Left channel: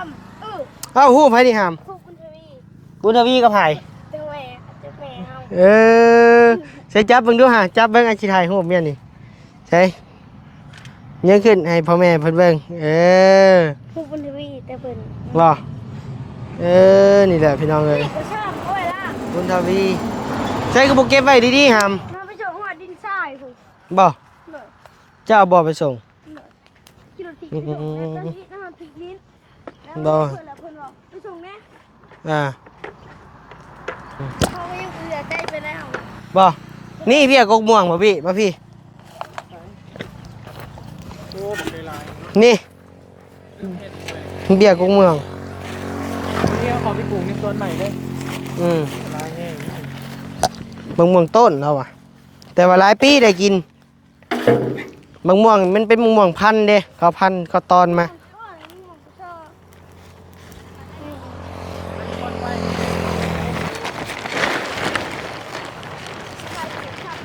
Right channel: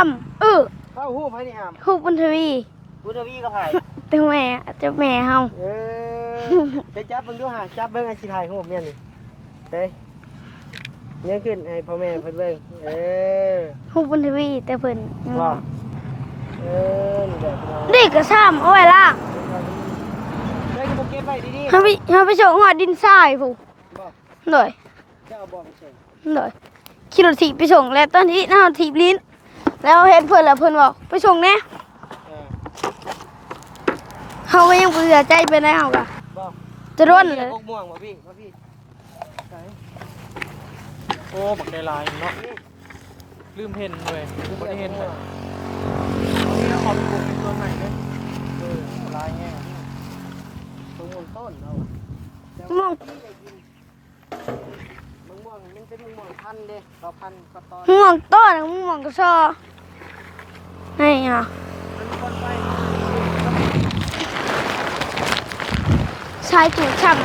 อ้ำเออเอ้าฮู้ไผนี่หามครูบุญทวีบุญทวีกับไผเจ้าแม่เจ้าแม่เฮาเออใช้จับเบิ่งดูหาจับเบิ่งอาชีถ่ายรูปเมียนี่ใช่ยังขึ้นให้พ่อแม่เพิ่นเบิ่งเออครูบุญทวีแต่เพิ่นรอเออนี่แหละพี่น้องเอ้นี่ยก็ซ้ำเอาไว้ล่างบุญทวีใช้กระปุกเก็บไว้ดีๆเฮาหามไปเฮาไปส่งหอดดินทรายผู้บ่เลยเจ้าเอาบ่ไปส่งเลยขี่รถถีบไปส่งแล้วตอนที่เฮาถีบลิ้น แล้วบ่เห็นเพิ่นแล้วเพิ่นบอกไปส่งแน่อ่าเฮาก็ยังบ่เชื่อใจไปได้เฮาก็บ่จะโดนี่นพี่อะกกม่วงบ่พี่มาพี่ โอ้บักได้ลายเนาะนี่ลืมเห็นเลยเบี้ยกกม่วง นี่ขอไปปลูกมีต้นใหม่เด้อืมลายนี่มะม่วงต้นเราอะแต่ว่าหลายปีได้กินมะม่วงมันเป็นมะม่วงพันธุ์เด้เขาพันธุ์เขาตอนม่มาวงต้นม่วงก็ชอ ให้อะชายถูกช่ำ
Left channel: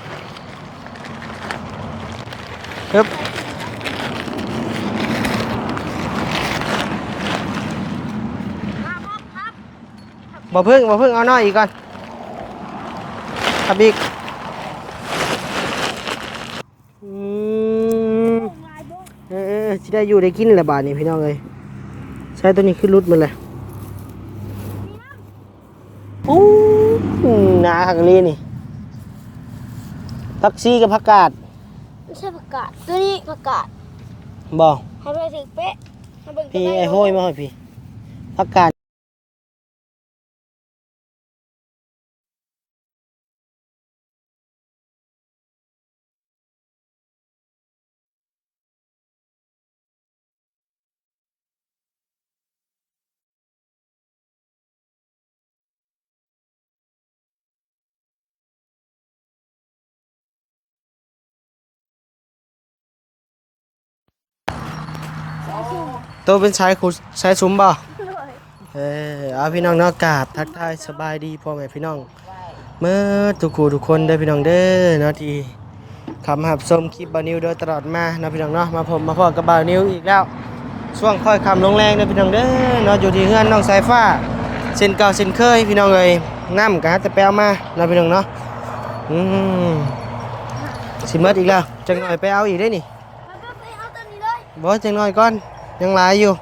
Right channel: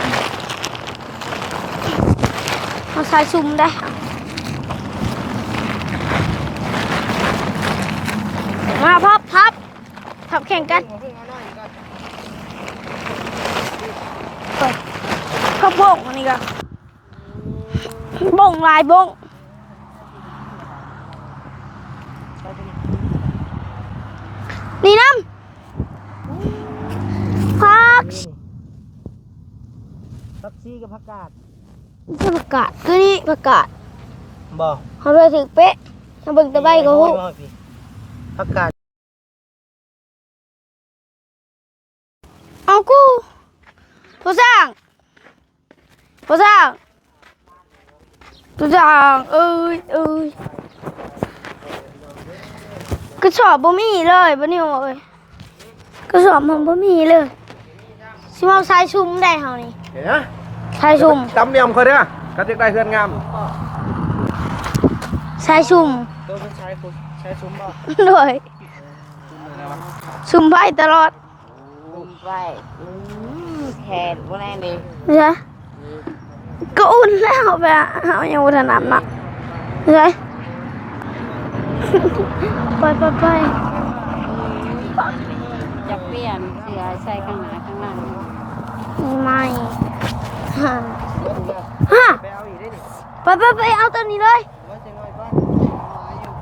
ชายซุ่มได้มาพับพับพับแข่งบ่กัพึ่นงบ่พึ่งเอาน้อยอีกก่อนครับอีกข้าวโพกนี่ก็อืมบ่งลายบ่งเออเออสิได้อยู่ได้กินแหละบาดนี้พี่น้องเอ้ยใช้ตัวนี้ขึ้นรุดมันเลย นี่น้โอ้ยาทางนี้นี่ผักชีกับผักกาดำไม่ใช่ผักกาดตัวนี้ผักกาดบ่เขาเลยถึงเป๊ะมาเบิ่งตะไบไอ้ก็โห้โหยมาให้พี่ผักกาดเอากูผู้สร้างผู้สร้างผู้สร้างเอ้ยเอ้ย กระสอบบ่มีเลยบ่นี่เอ้ยกระสอบมันบ่มีเลยสิมาเอาสายชุมได้เฮานี่เห็นนะสายชุมตำเนียมเขาเด้อก็จะได้เพื่อนงามสายชุมตัวเป็นชายคุชายซุ้มบ่ด้วยเออเอาพี่น้องเนอกกราบซุ่มไว้ตลอดสบายดีพ่อแม่พี่น้องเมื่อทุกคู่ทุกคนเด้อพี่น้องเด้อเนาะเหรอที่คำหับส้มก็อุ่นสบายดีแล้วตลอดมาเอายังบ่ทันอาบน้ำมาพ่อกับบ่าวนิ้วอีกเหรอแล้ว ช่วงค่อยคำลงแรงเด้อพี่น้องเด้อเนาะอยู่ที่เฮือนน้องสายฟ้าเส้นเก่าเส้นเคยพี่น้องเอ้ยน้ำกะจะไปเอามาเนาะพี่น้องเนาะอืมฮ่าสิหมดอีกแล้วจะไปไปเอาอีกได้นี่ไปไปไปเอาตัวนี้เลยบ่จังน้อยก่อนยังหลายอยู่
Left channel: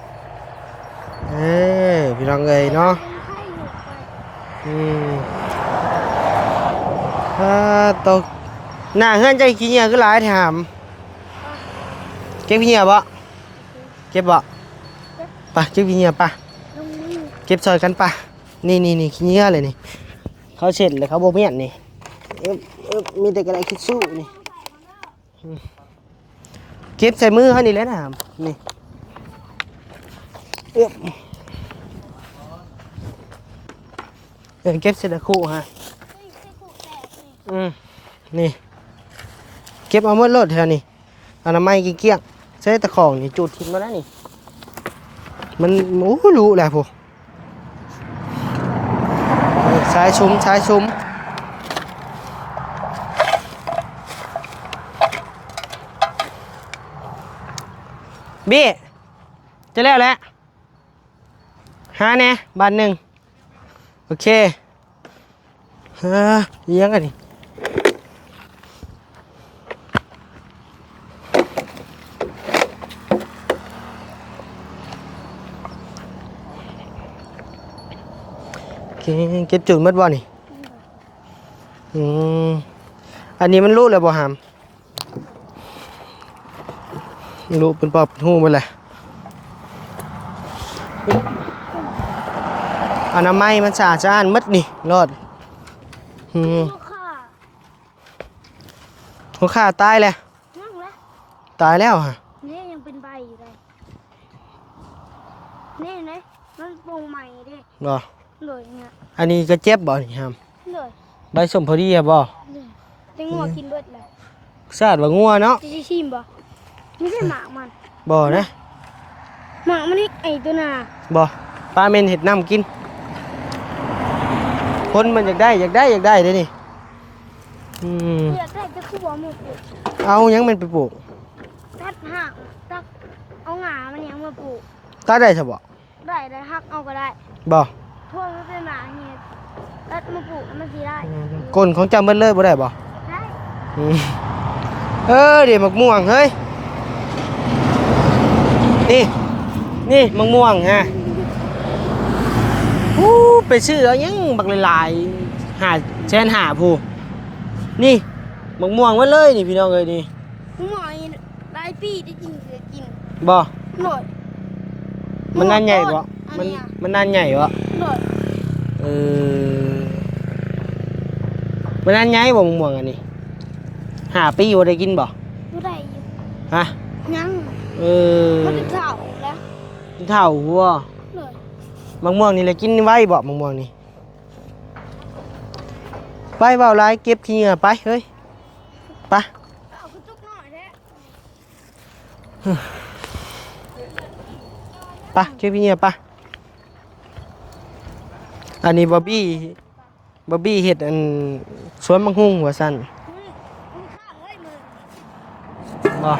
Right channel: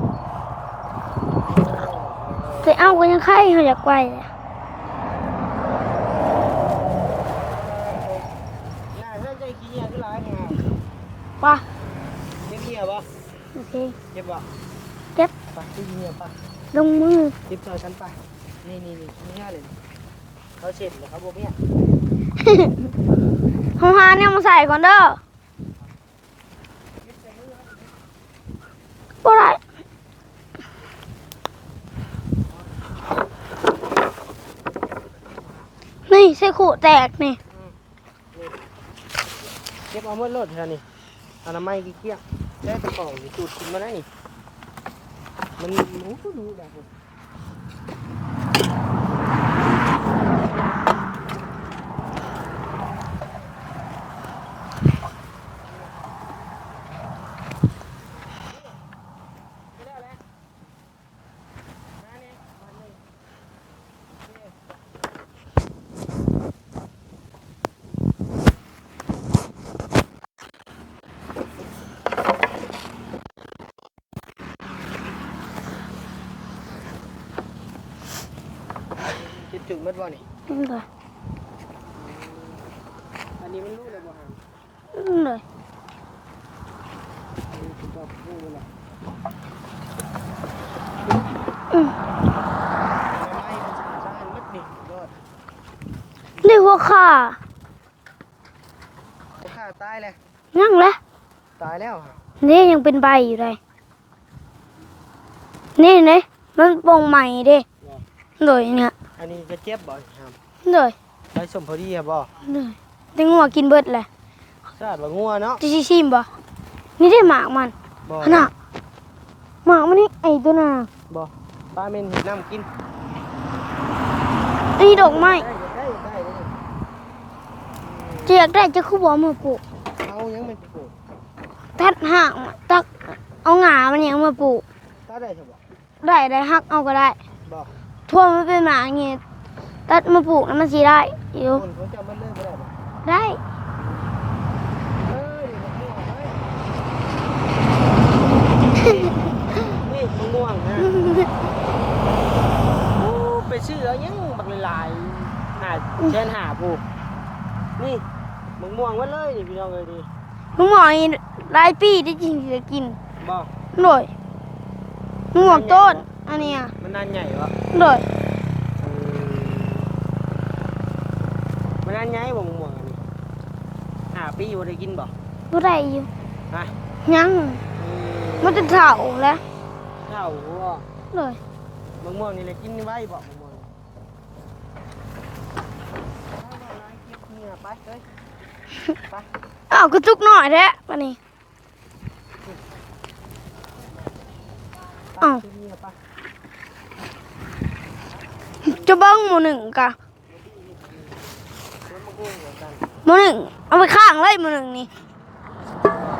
เอ้ยพี่น้องเอ้ยไปเอาเนาะก็ยังไข่เขาอยากไปอืมอ่าตกหน้าเฮือนใจขี้เหงียคือหลายแถมป่ะเก็บขี้เหงียบ่โอเค เก็บบ่เก็บ ไปเก็บขี้เหงียปะลงมือเก็บซอยกันปะนี่นี่นี่ขี้เหงียเลยนี่เขาเสร็จเลยเขาบ่เมียนนี่เออมีแต่กระไรคิดเขาหาเนี่ยมาใส่ก่อนเด้อเก็บใส่มือเขานี่แหละนะนี่บ่ได้เออเก็บใส่ตะคู่ฮะ นี่ใส่ขู่แตกนี่ อืมนี่ เก็บเอาหมดโลดแถวนี้อนามัยเกลี้ยงๆ ใช้ตะของนี่จุดขึ้นมาแล้วนี่ มันโอ้รู้แหละพวกสายชุมสายชุมบี้จะแล้วแหละหาแน่บาทหนึ่งโอเคเออยังกันนี่ เอ๊ะเก็บจุดหมัดบ่นี่นี่เลยอืมอันนี้มันรู้แล้วบ่หามนี่เลยรู้เป็นปอบเป็นหูหมดเลยอนามัยมันสะอาดสะอ้านหมดนี่รอดอืมนี่ว่าข่าหัวขาตายแล้วนั่งแล้วตายแล้วฮะนี่ยังเป็นใบอยู่เลยนี่นี่มันโปร่งใหม่เด้บ่ เลยเนี่ยอันนี้ก็เจ็บบ่นี่หามเลยใบสมพอดีอะบ่เลยแต่งัวกินเบิดเลยสะอาดว่างัวเนาะจะชิมบ่นี่ได้หมากมันบ่น่ะนะหมากมันนี่ไอ้ตัวน่ะบ่ปลาเมนเห็ดน้ำกินไอ้คดนอกมันอไม้ยากได้อยากได้อยากได้เด้นี่อืมจะอยากได้จะคู่บ่มือปลูกเอายังมันไปปลูกตัดหางมาตักเอาหงามันยังมาปลูกตัดได้ใช่บ่ได้ได้ฮักเอาก็ได้บ่ ทั่วมันเป็นหมาอย่างงี้ตัดมาปลูกแล้วมันสีได้อยู่ก้นของเจ้าเบิดเลยบ่ได้บ่ได้อืมเออเดี๋ยวมักม่วงเฮ้ยนี่นี่มักม่วงฮะอู้ไปซื้อเอายังบักหลายๆหาแชนหาผู้นี่มักม่วงไว้เลยนี่พี่น้องเอ้ยนี่ลุงหมอนี่หลายปีได้จริงจะกินบ่โดยมันนานใหญ่ลุงบ่หม อโตดอันเนี้ยมันนานใหญ่บ่โดยเออมันนานใหญ่บ่มักม่วงอันนี้หาปีบ่ได้กินบ่บ่ได้อยู่ฮะยังเออมันจะเฒ่าแล้วเท่าหัวโดยมะม่วงนี่เลยกินไว้บ่มะม่วงนี่ไปเบาหลายเก็บขี้เหงื่อไปเฮ้ยไปอ้าวกระจุกหน่อยแท้วันนี้ไปอ้าวเก็บขี้เหงื่อไป อันนี้จะบ๊อบบ้องบี้หมูหนึ่งกะบ๊อบบี้เฮ็ดอันสวนมังหุงหัวสั้นหมูหนึ่งเอาไปข้างเลยหมูหนึ่งนี่บ่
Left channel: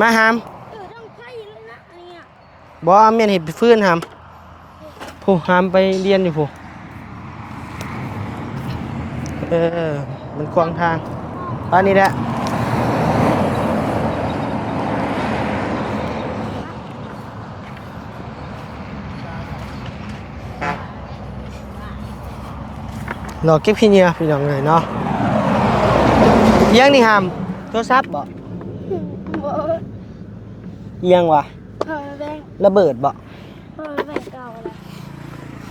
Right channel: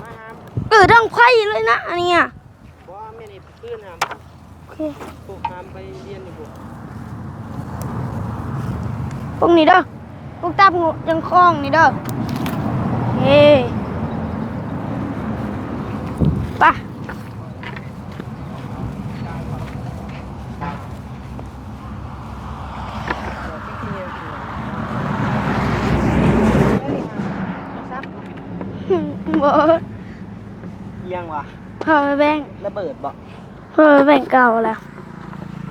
มาหามเออทั้งไผ่เลยนะอันเนี้ย บ่เอาเมียนเฮ็ดไปฟื้นหามโอเค ผู้หามไปเรียนอยู่ผู้พวกนี้เด้อเออพมันวกควาตามมทางจังคล้องนี่บ้าเด้อนนี้แหละเอ้ รอเก็บขี้เหงื่อพี่น้องเลยเนาะเอียังนี่หามโทรศัพท์บ่บ่เอียังวะพอไปแบ่งระเบิดบ่พอไปแบ่งเก่าแล้ว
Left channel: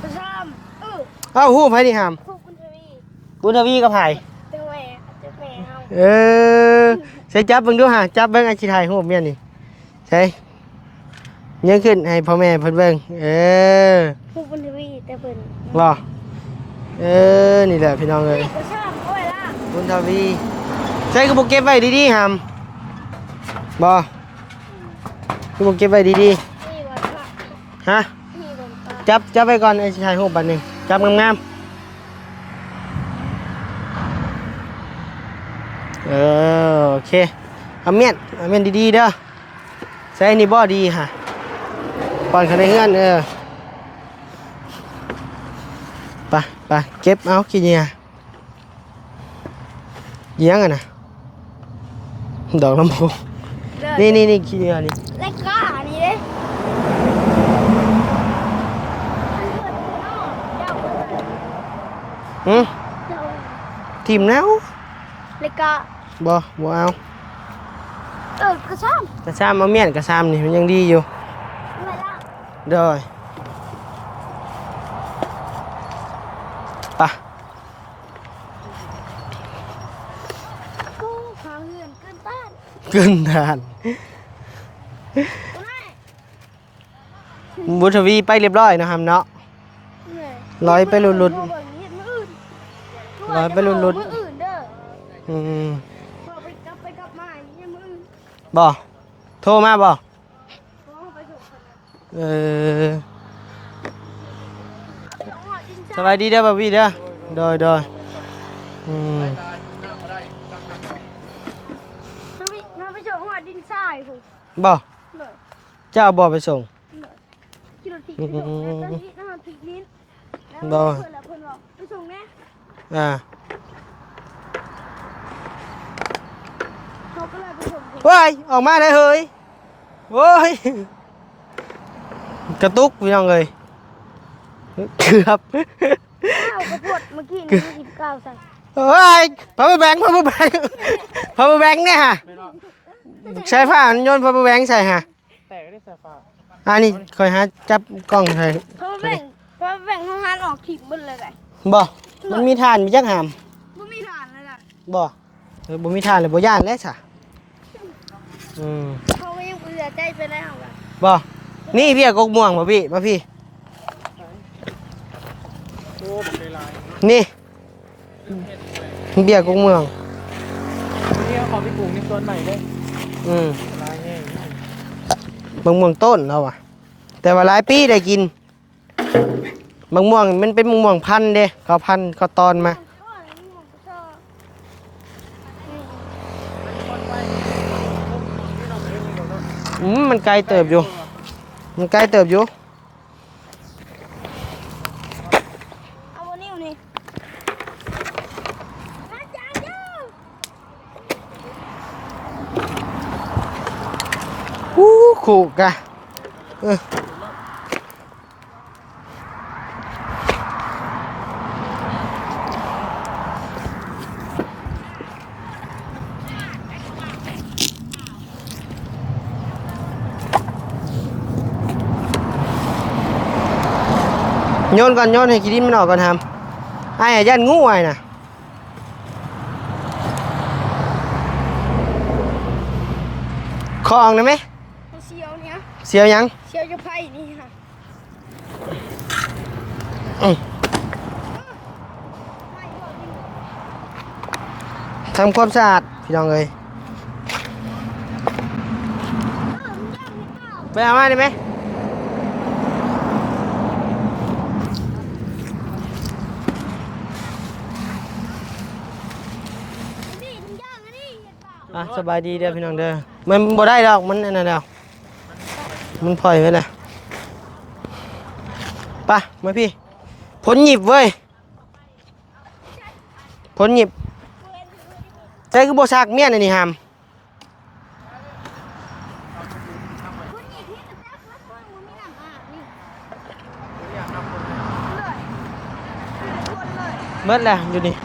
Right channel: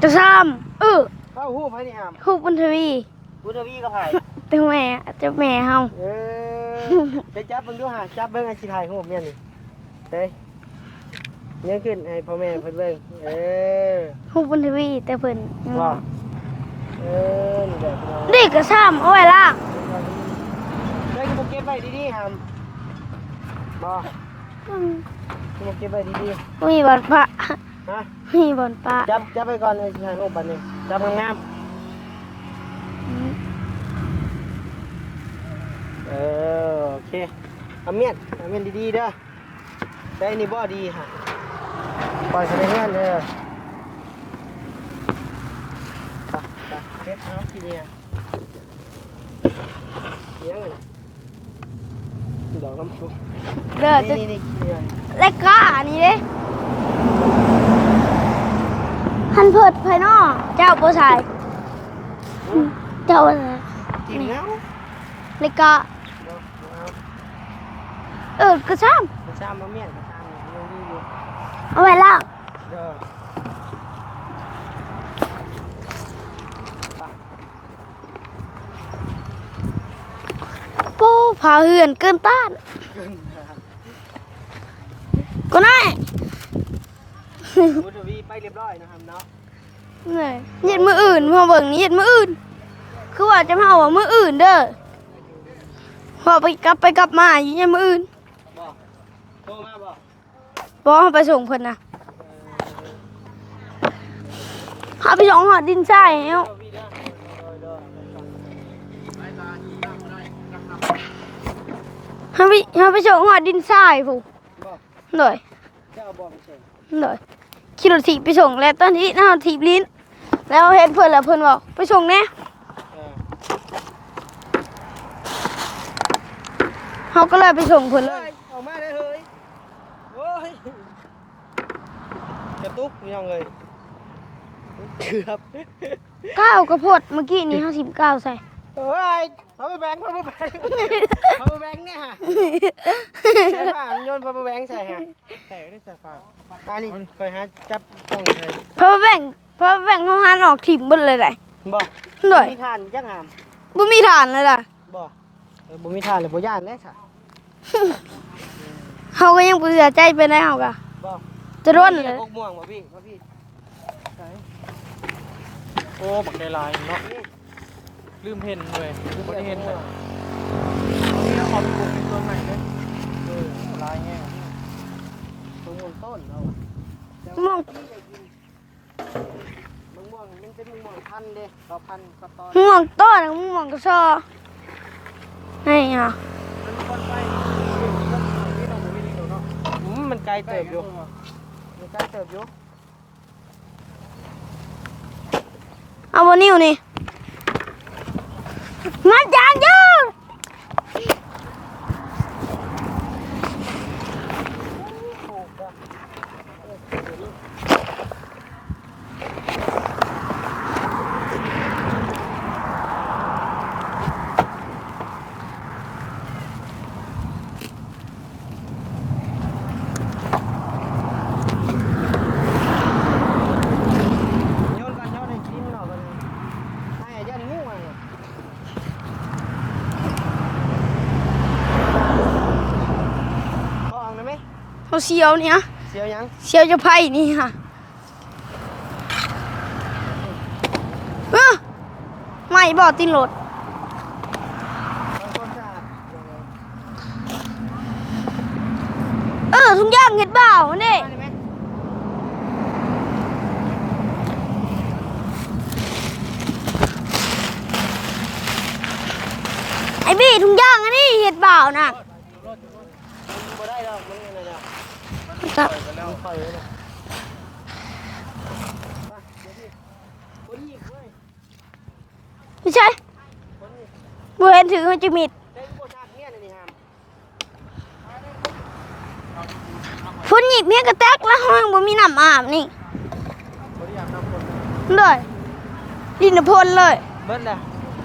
จะซ้ำเออเอ้าหู้ไผนี่หามคู่บุญทวีบุญทวีกับไผเป็นแม่เจ้าแม่เฮาเออใช้จับเบิ่งดูหาจับเบิ่งอาชีไทยหู้เมียนี่ใช่ยังขึ้นให้พ่อแม่เพิ่นเบิ่งเออคู่บุญทวีแต่เพิ่นบ่ เออ นี่แหละพี่น้องเอ้เด็ยกก็ซ้ำเอาไว้ล่างบุญทวีใช้กระปุกเก็บไว้ดีๆหามบ่กระปุกเก็บไว้ดีมีบอลพระๆฮะ มีบอลปลาจับจับไปก่อนไอ้ชายหูบันนี้จับงามๆเออโอเคเอาเมียนเอาเมียนดีๆเด้อใส่นี่บ่ดีฮะปล่อยเขาในเงื่อนเออ ไปไปเก็บเอาขี้เหนียเลี้ยงอะนะดอกลำโพงเด้อนี่นี่นี่ขี้เหนียนี่เล็กก้าอันนี้เด้หันเพิดภายนอกเจ้าผู้ชายหืมเจ้าอะไรทิมแล้วเล็กก้าบ่บ่เอาเออก็ซ้กระซ้ำเอาเมียนกระซ้ำนี่มันยังดีอยู่ำเอาไว้ล่างเด้อไปะ ปูผาเหือนเกินต้าน เกินทานก็ได้บุญทวีไปเรียบร้อยนะครับเนาะ เหนื่อยร้อยเห็นมืออื่นไปลุ้นๆพอเบิ่งนี้เห็นมืออื่น คือว่าร้อยจะไปมาเอาลุ้นๆมืออื่นเด้ออืมพอไปกลับไปกลับมาอยู่ยังมืออื่นบ่โทรมาบ่บอกให้ไปส่งเพิ่นนะเออเอาไปส่งหอดดินสทรายบายดีเด้อบ่าวพี่เด้อโดยโดยอืม ให้ไปให้ไปส่งหอดดินทรายผู้บ่เลยเจ้าบ่ไปส่งเลยขี่รถถีบไปส่งแล้วตอนที่น้าถีบลิ้น แล้วบ่เห็นเพิ่นแล้วเพิ่นบอกไปส่งแน่อ่าเขาก็เลยไปส่งเพิ่นเฮ้ยออกมาได้เฮ้ยโอ้ยกระตุกพี่น้องเอ้ยเกือบก้าวข้าวโพดเมื่อกี้นี้ห้าสิบเก้าใส่ เฮ้ยพาวเวอร์แบงค์พาวเวอร์แบงค์พาวเวอร์แบงค์เนี่ยฮะใช้ผ้าอันโยนพาวเวอร์แบงค์ใส่ฮะแต่ไม่ได้ใส่ฟ้าอันนี้คอยหาจับกล้องใส่เพราะว่าแบ่งเพราะว่าแบ่งเขาหานออกถิ่มเบิดเลยได้บ่หน่อยบ่มีทานมีจักหามบ่มีฐานเลยล่ะบ่เออบ่มีทานเลยบ่ย่านแล้วซะอืมเขาก็ยังบ่เสียใจไปแล้วกะบ่จะโดนี่นพี่กกม่วงบ่พี่มาพี่โอ้บักใจลายเนาะนี่ ลืมเพ่นเลยเบี้ยกกม่วงวันนี้เอาของไปปลูกในสวนใหม่เด้อืมลายนี่บางม่วงต้นเราอะแต่ว่าหลายปีได้กินบางม่วงมันเป็นมะม่วงพันธุ์เด้เขาพันธุ์เขาตอนมึงมมาองต้นมึงมองกระซอนี่อะอืมมันไกลเติบอยู่ มันใกล้เติบอยู่เอาบนนิ้วนี่ งัดยางยืดอู้ขู่กะเออโยนก่อนโยน ให้กินดินมันออกก่อนทำไอ้ยันงูไอ้น่ะคอออกได้ไหมเอาเสียวเนี่ยเสียวยังเสียวจะไพ่นี่ค่ะอืมเออไม่บอกตินรถทำความสะอาดพี่น้องเลยเออทุกอย่างเห็ดเปล่าไปเนี่ยเอามาได้ไหมไอ้บี้ทุกอย่างอันนี้เห็ดเปล่านะ สบายดีเด้อพี่น้องเด้อ มันบ่ได้ดอกมันนั่นแล้วครับมันปล่อยไว้เลยไปมาพี่ผลหยิบเว้ยไม่ใช่ผลหยิบบัเห็นถือมันจะมิดใช่คือโบซากเมียนอันนี้หามพุ่นหยิบเมียกระแตกแล้วห้องบ่มีน้ำอาบนี่เลยดินพลเลย เบิดแล้วอยู่นี่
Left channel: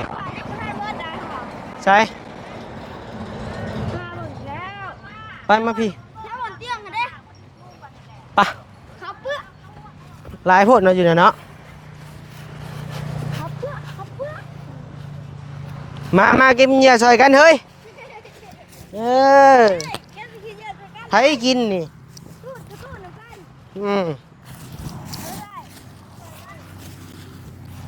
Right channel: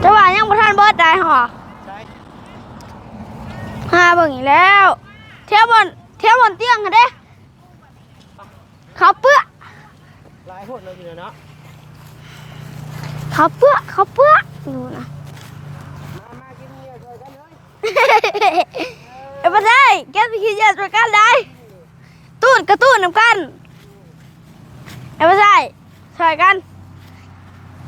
แต่ว่ายังบ่ทันเบิดได้หรอใช่ หาเบิ่งอีกแล้วไปเที่ยวบมานพี่เที่ยวบนเตียงค่ะเด้ไปเขาเปื้อหลายโพดเนาะอยู่เนี่ยเนาะเขาเปื้อเขาเปื้อดูนะมามากินเหยื่อซอยกันเฮ้ยเออเอาไปเลยแกสิคิดอยากด้วยกันไปเลยกินนี่ตูดกระตูดน้ำกันอืมเอาไปใส่ใส่กัน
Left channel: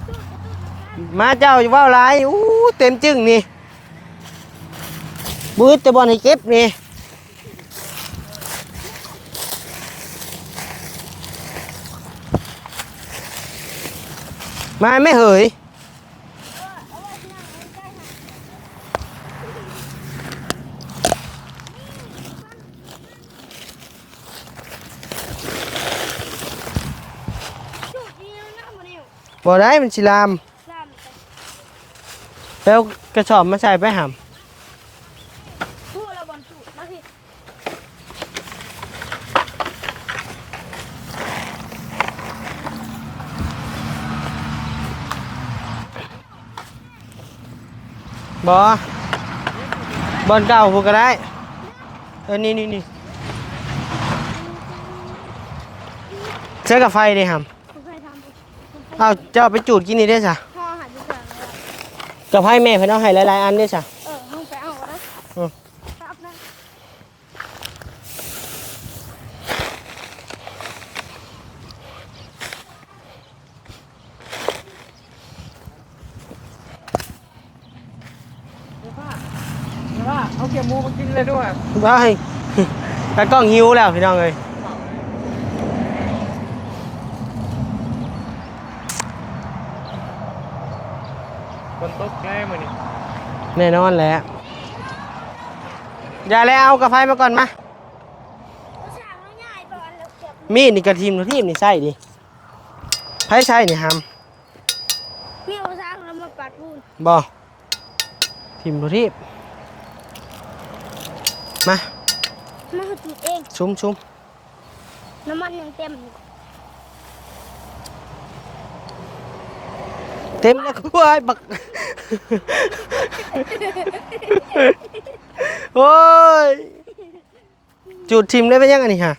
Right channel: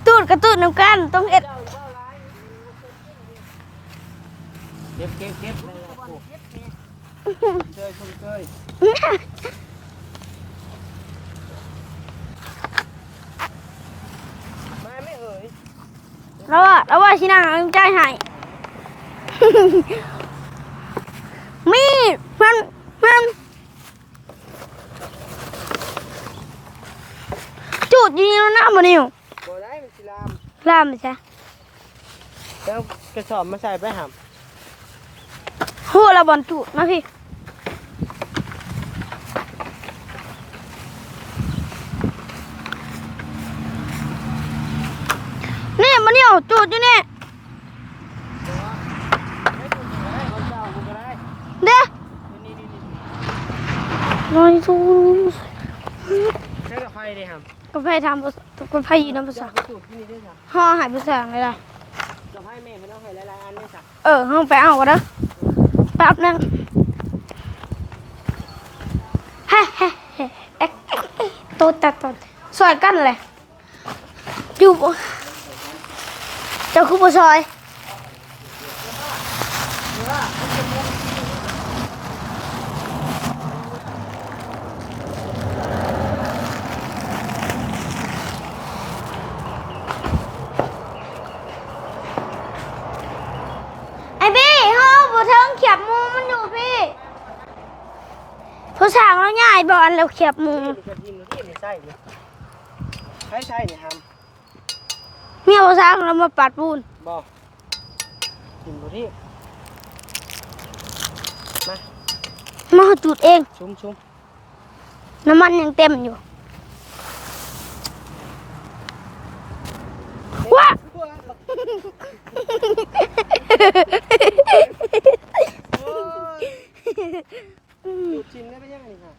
ตูดกระตูดน้ำกันต้องมาเฮ็ดเจ้าอยู่ว่าวหลายอู้เต็มจึงนี่ บืดจะบอลให้เก็บนี่มาไม่เหยแล้วว่าแล้วว่าชินางเอาใจให้มีดมันมันจุดอยิงแล้วนะมันนิวบ่ได้มันสิลามลามไปใช่แล้วกระสอบมาใส่ไปหำหัวละบอลจุดนะพี่นี่มันนิวจุดอยู่นี่บ่บอลเก่าพูดก็ได้ เด้อเออนี่นี่นี่นอนทูใช้กับไฟดิหกาแฟทำกาแฟำอเอายู่น้ำเจ้าไปจูดกินนี่ได้สะห่อหายไปสั่งเลยล่ะกับไฟแม่เพิ่นเอาให้หลายๆอันได้สะเออห้องไปเอากันนะอืมแป๊บนึงฮะฮะฮะเอ๊ะเอ๊ะเอ๊ะตัวตัดตัวซอยกันเลยอยู่บ่เจ้าคือบ่ซอยไปตากล้องหิวแล้วพี่น้องเอ้ยคนตกง่ายเหมือนแน่นอนแหละไอ้บี้เฮาบ่เทิงเขียบหมูมัน อย่าแล้วเอากับไฟมาก่อนมาผู้สร้างแล้วง่ายบ่อันแล้วเขียบหมูมีดนี่กระทีมหรือทีมนี่ใส่ดิไผใส่นี่หเมียผู้สร้างแล้วมาปัดปูนำบ่ทีมหรือทีมมามาจุดเองชุมชุมน้ำมันยังเต็มอยู่ เต็มว้ายบักโอ้ยจุดทีมได้เป็นยังไงนี่ฮะ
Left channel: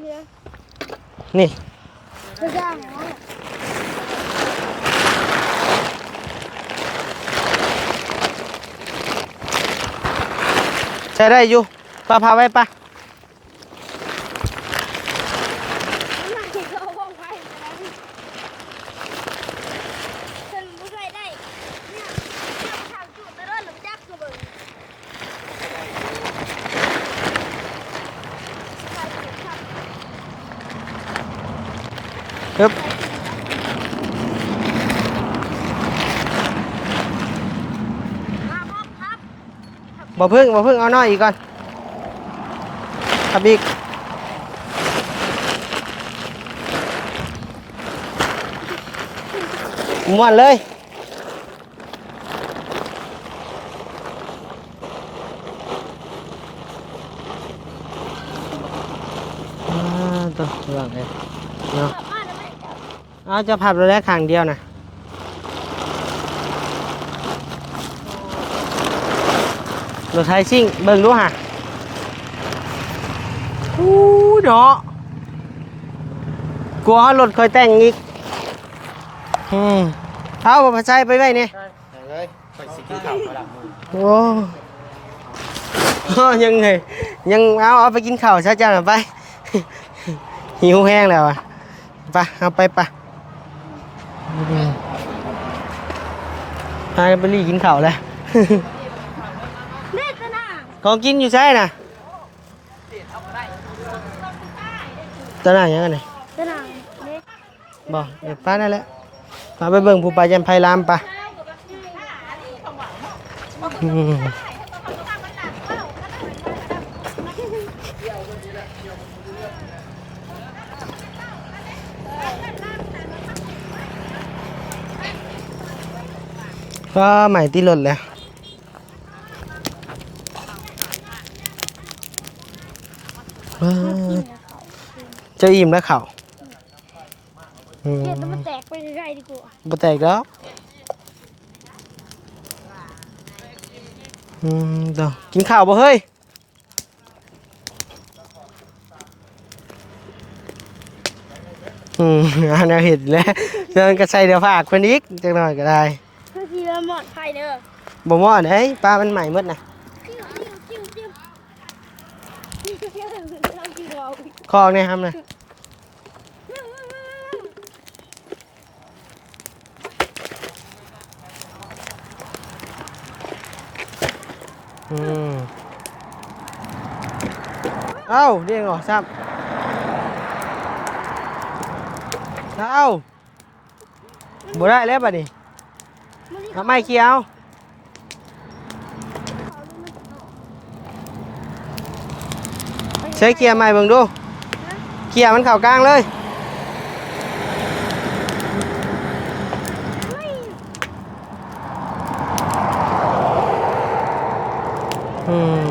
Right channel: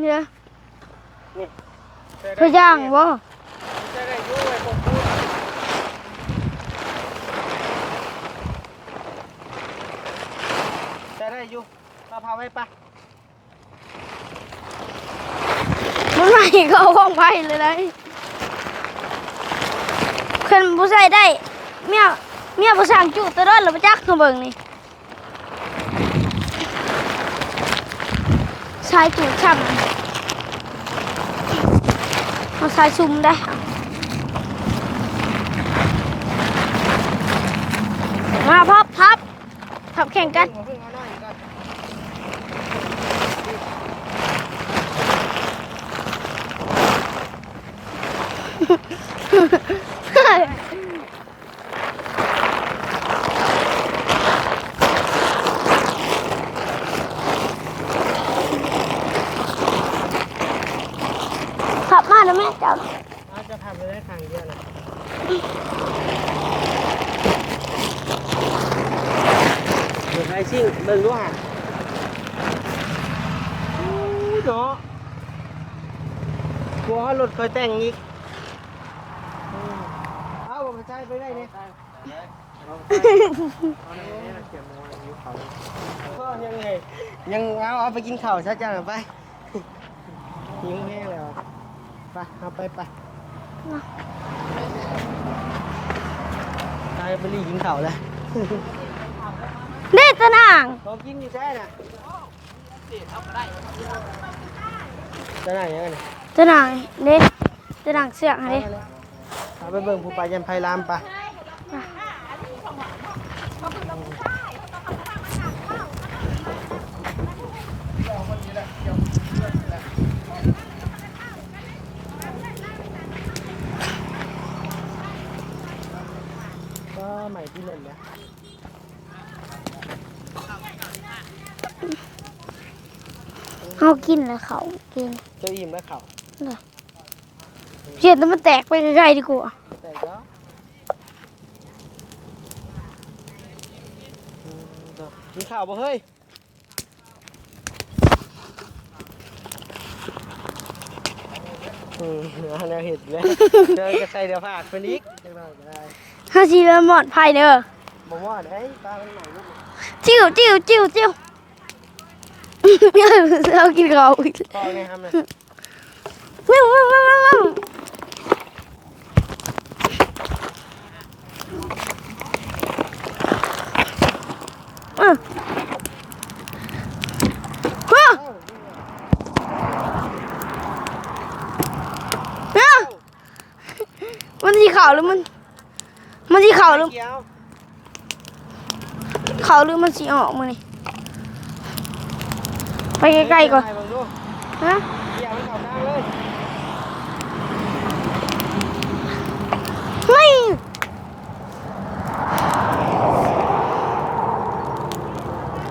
เนี่ยนี่เธอย่างบ่ใช้ได้อยู่ปลาพาไว้ปะมันไม่เข้าห้องไฟเลยนะ ขึ้นผู้ใส่ได้เมียเมียผู้สร้างจุดตะเดินหรือประจักคือเบิ่งนี่ใช้จุดช่ำครับใช้ซุ่มได้มาพับพับพับแข่งบ่กัพึ่นงบ่พึ่งเอาน้อยอีกก่อนครับอีก ม่วนเลยอืมตัวม่วนเลยขับมาแล้วแม่เจ้าเอาจะพับเราได้ข้างเดียวนะรถไทยซิ่งเบิ่งดูฮะอู้เนาะกลัวรถคอยแต่งอีก อืมเอาบ่พาใจไปไว้นี่เลยไปสิโอ้อ้อยังไงยังเอาเอาไปกินข้าวซะจ้าหน่อยไป หิวแห้งแล้วอะไปเอาไปไปพากันไปรีกินข้าวแล้ว เด็ดตะนางของกินอยู่ใช่น่ะตอนไหนยังไงเนี่ยตะนางเด็ดตะนางเสือกไปนั่นแหละ มาไปเบิ่งผู้ปายันไพรามปะก็ใหม่ที่รถแล้วเขากินแล้วเขากินเจะอิ่มแล้วเข่า น่ะอืมเจ็ดแล้วมันแตกไปไกลๆดีกว่าบ่แตกแล้วอืมเดี๋ยวกินข้าวบ่เฮ้ยอืมอันนี้เห็นแล้วเดินกระใส่เดี๋ยวฝากเพิ่นอีกจักหน่อยก็ได้ห้าชีแล้วหมอดภัยเด้อบ่ม่อนเฮ้ยปลามันใหม่หมดนะจิ้วจิ้วจิ้วจิ้ว เรากินเขาอีกคอเนี่ยครับนะ วิ่งวิ่งวิ่งวิ่งวิ่ง อืม เอ้าเรียกออกซ้ำเอ้ามันสีขาวหรือบ่มันได้มันสีแล้วขาวบัดหนี้รือไม่เขียวขาวหรือมันสีออกมานี่ไปใกใช้ล้เกียร์ๆใหม่ก่อนเบิ่งดูฮะเกียร์มันเข่ากลางเลย เฮ้ย อืม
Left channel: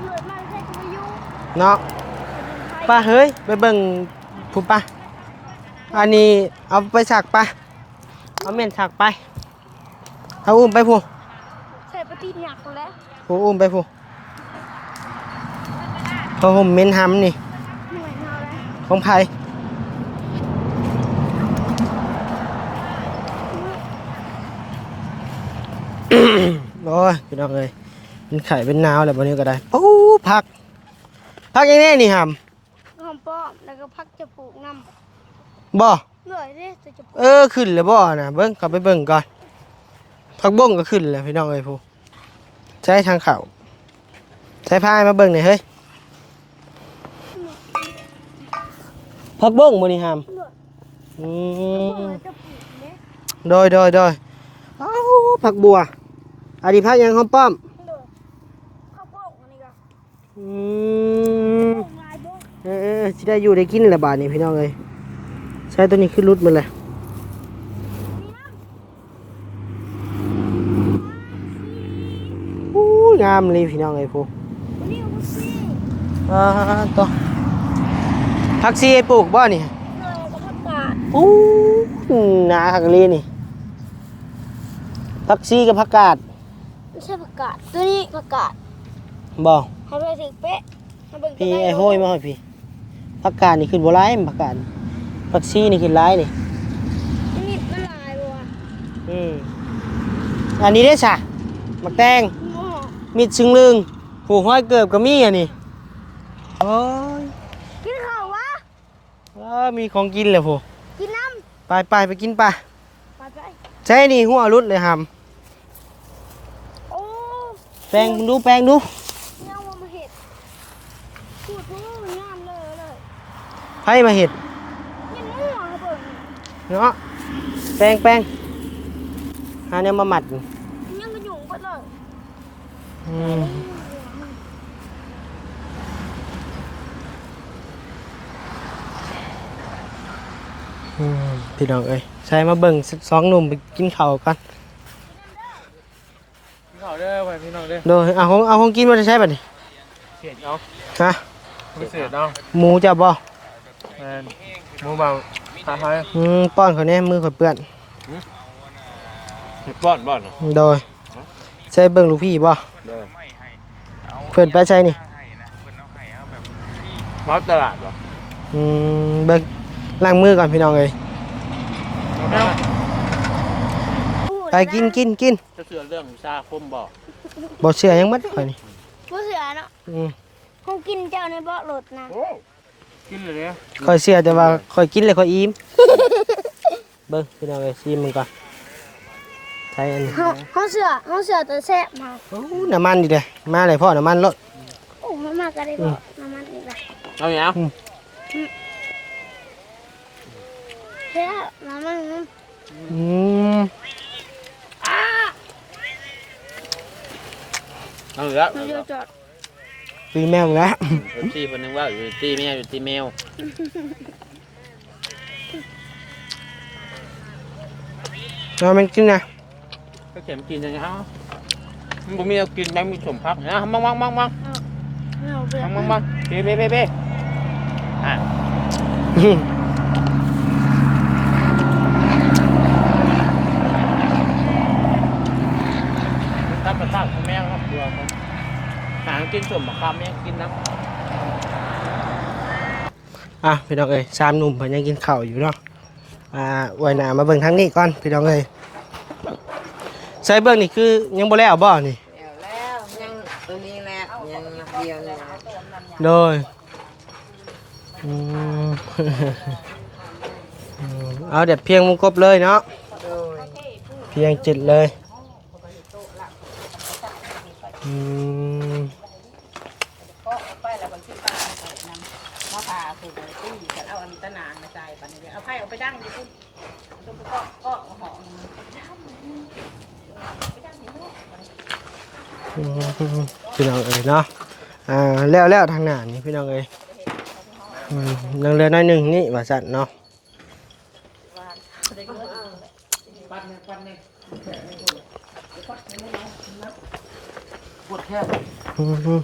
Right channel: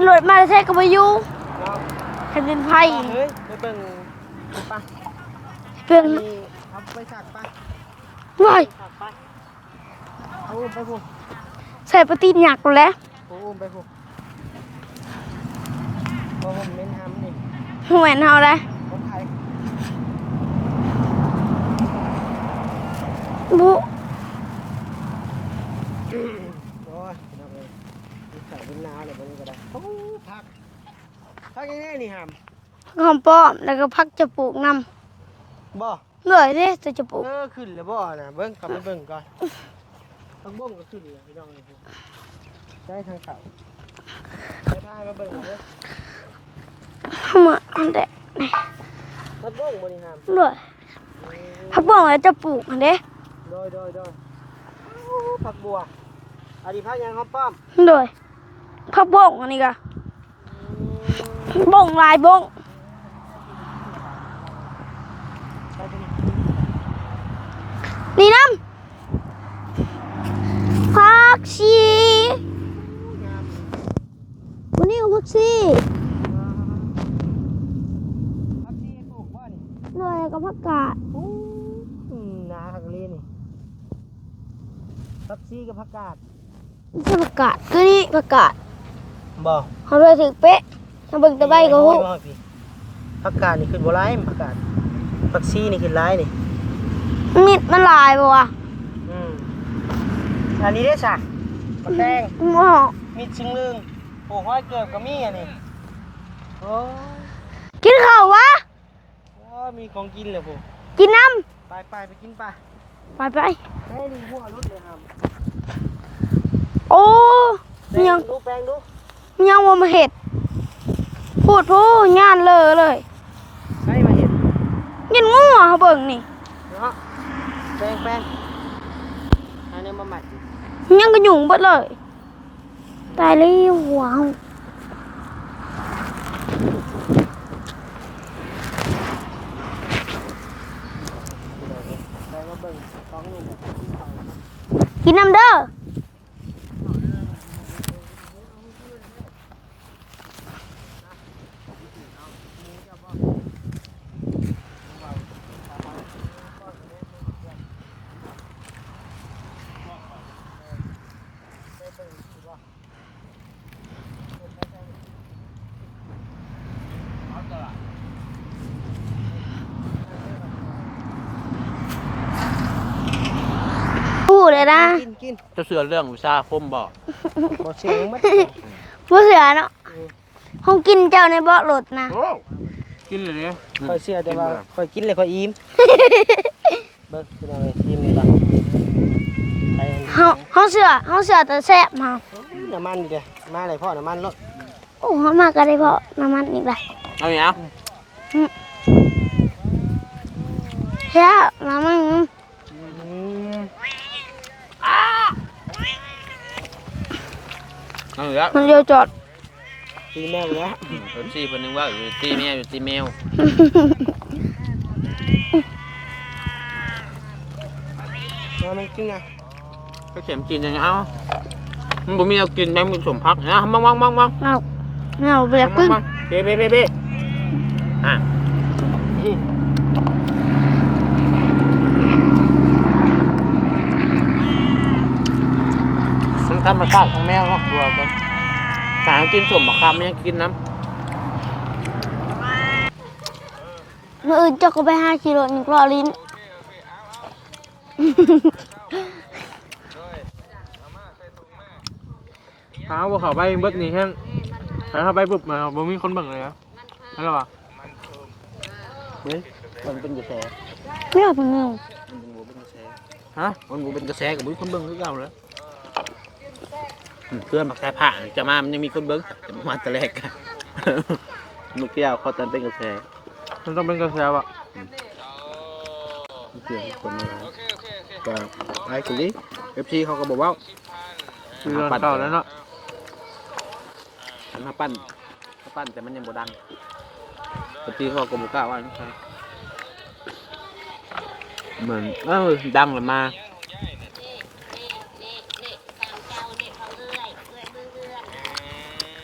ตีรถมาแท้กับพายุเนาะแผ่นดินไฟป้าเฮ้ยไปเบิ่งผู้ป้าเพื่อนอันนี้เอาไปสักป้าหน่อยเป็นสักไป เอาอุ้มไปผู้ใส่ปฏิญญากูแล้วผู้อุ้มไปผู้พอผมเม้นหำนี่หวนเฮาได้ของไผ่บุโอ้ยพี่น้องเลย เป็นไข่เป็นนาวอะไรแบบนี้ก็ได้โอ้พักพักยังไงนี่หหอมป้อมแล้วก็พักจะปลูกนำบ่ำเหนื่อยเด้จะจะปลูกเออขึ้นแล้วบ่นะเบิ้งกลับไปเบิ้งก่อนพักบ้งก็ขึ้นแล้วพี่น้องเลยผู้ใช้ทางเขาใช้พายมาเบิ้งหน่อยเฮ้ยเข้ามาอันแต่พักบ้งบ่นี่หำเหนื่อยอืมพักบ่งแล้วจะปลูกอันเด้โดยโดยโดยเอ้าผักบัวอันนี้ผักหยังหอมป้อมเหนื่อย พักบ่งอันนี้ก็อืบ่งลายบ่งเออเออสิได้อยู่ได้กินแหละบาทนี้พี่น้องเลยใช้ตัวนี้ขึ้นรุดมันเลยนี่น้ำพักชีอู้ยงามเลยพี่น้องเลยพวกวันนี้พักชีอ่าต่อผักซีปลูกบ่นี่เหนื่อยกับพักกาดอู้หนาคักเลยนี่ผักซีกับผักกาดไม่ใช่ผักกาดตัวนี้ผักกาด บ่เขาเลยถือเป๊ะมาเบิ่งตะไบพี่ก็โอ้โหยบ่ให้พี่ผักกาดนี่ขึ้นบ่ร้ายผักกาดผักซีนี่ขึ้นร้ายนี่มิดมันลายบ่วะอืมอันนี้ได้อจ้ะมักแตง หม้อมิดซึ่งลึงผูกห้อยเกิบก็มีอะนี่โอ้ยกินข้าววะ เออมีของกินเลยผูกินน้ไปไปไปกินปะำไปไปใช่นี่หัวรุดเลยหโอ้ำแปลงดูแปลงดู ยังว่ามาเห็ดพูดพูดงานเลยเลยให้มาเห็ดยินงัวเขาเบิ่งนี่เนาะแปลงแปลงหาเนี่ยมาหมัดยังก็ยุ่งเบิดเลยตายแล้วว้าวอืมพี่น้องเอ้ยใช้มาเบิ่งสองหนุ่มไปกินข้าวกันกินน้ำเด้อ เอาเด้อไปพี่น้องเด้อโดยเอาของเอาของกินมาจะใช้บัดนี้เสียดเนาะฮะพิเศษเนาะหมูจะบ่แมนหมูเบาตาไทยอืมป้อนเขาแน่มือเขาเปื้อนเห็ดบ้อนบ้อนเนาะโดยใช้เบิ่งลูกพี่บ่เด้อเพิ่นไปใช้นี่มาตลาดบ่อืมเบิ่งล้างมือก่อนพี่น้องเอ้ย พูดไปเลยนะกินกินกินจะเสือเรื่องวิชาคมบ่บ่เชื่อยังมัดบัดนี้ผู้เสือเนาะอืมห้องกินเจ้าในเบาะรถนะโอ้กินเลยเนี่ยค่อยเชื่อแต่ว่าค่อยกินแล้วค่อยอิ่มเบิ่งพี่น้องเอ้ยชิมมึงก่อนใช้อันนี้ห้องห้องเสือห้องเสือตัวแซ่บมาโอ้น้ำมันดีเด้มาเลยพ่อน้ำมันรถโอ้ห้องมากก็ได้เบาะน้ำมันอีกเลยเอาอย่าง แซ่บน้ำมันอืม เอาอีกแล้วมันเดียวจอดปีแมวอีกแล้วตีคนนึงว่าอยู่ตีแมวอยู่ตีแมวเอามันกินนะก็เข็มกินยังไงเอ้ามันบ่มีเอากินแม่งมีสมพักนะมังมังมังมังเอาเอาเบียมักงขึ้นมังเบ้เบ้เบ้เบ้อะมันธ รรมชาติของแมวเนาะตัวก็สารกินสมบักคำเนี่ยกินน้ำอะพี่น้องเอ้ยสามเอหอนุ่มเจ้ายัก็งไปกินหาข้าวอกิยู่โลเนาะนึงรอลิ้นอ่าไว้หน้ามาเบิ่งทางนี้ก่อนพี่น้องเอ้ยใส่เบิ่งนี่คือยังบ่แล้วบ่นี่หาว่าเขาไปเบิดนี่แห้งหาเขาไปปุ๊บมาบ่มีคนโดยฮัลโหลวะอืมไม่เอาเอาเด็ดเพียงมุงกบเลยเนาะฮะมันบ่เป็นกระเพียงจิตเลย เพื่อนมาแค่ผ่าจะมา มันยังมีคนเบิ้งมาแต่แรกลูกแก้วเขาตอนเป็นกระแสมันต้องเป็นกระแสวะก็ไอ้กุลีเอฟซีเขาก็บอกว่าคือเก่าแล้วเนาะอืมพี่น้องเอ้ยเนาะมาปั้นอ่าแล้วแล้วทางหน้านี่พี่น้องเอ้ยอืมเรื่องเรือน้อยหนึงนี่ว่าซั่นเนาะเหมือนเออดังเลยมา ม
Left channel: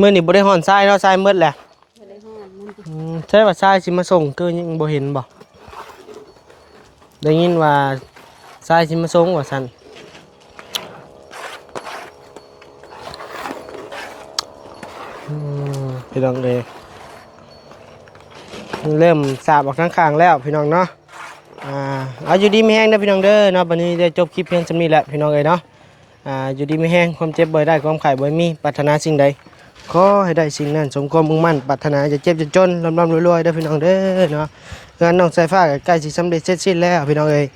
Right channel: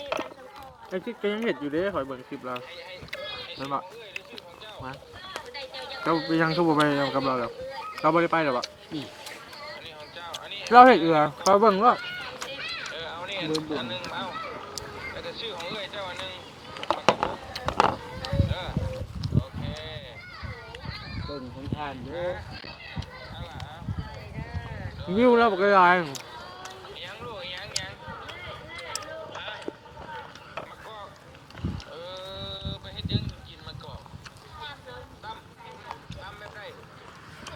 มื้อนี้บ่ได้ฮ้อนทรายเนาะทรายหมดแหละอยู่เด้คอยเบิ่งคลิปแล้วอืมใช่ว่าทรายสิมาส่งคือยังบ่เห็นบ่เขาไปยังเขาบอกไปยังกับได้ยินว่าเราไม่ได้ไปหรอวะทรายสิมาส่งว่าซั่นเราเห็นเอือเขาเบิ่งว่าอืมพี่น้องเลยเริ่มสาบออกข้างๆแล้วพี่น้องเนาะ อ่าเอาอยู่ดีไม่แห้งเด้อพี่น้องเด้อเนาะวันนี้ได้จบคลิปเพียงสำนี้แหละพี่น้องเลยเนาะอ่าอยู่ดีไม่แห้งความเจ็บบ่ได้ความไข่บ่มีปรารถนาสิ่งใดขอให้ได้สิ่งนั้นสมความมุ่งมั่นปรารถนาจะเจ็บจะจนร่ำๆรวยๆเด้พี่น้องเด้อเนาะงานน้องสายฟ้าใกล้สิสำเร็จเสร็จสิ้นแล้วพี่น้องเอ้ย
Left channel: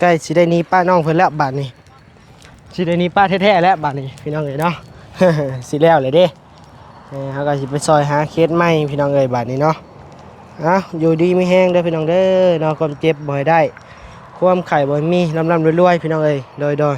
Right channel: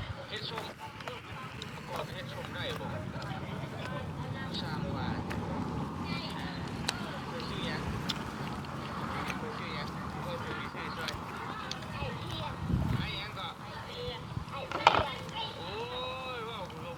ใกล้สิได้นี้ป้าน้องเพิ่นแล้วบาดนี้สิได้นี้ป้าแท้ๆแล้วบาดนี้พี่น้องเอ้ยเนาะสิแล้วเลยเด้เออเขาก็สิไปซอยหาเคสใหม่พี่น้องเอ้ยบาดนี้เนาะ อะอยู่ดีไม่แห้งเด้อพี่น้องเด้อเนาะความเจ็บบ่อยได้ ความไข่บ่อยมีลำลำรวยๆพี่น้องเอ้ยโดยโดย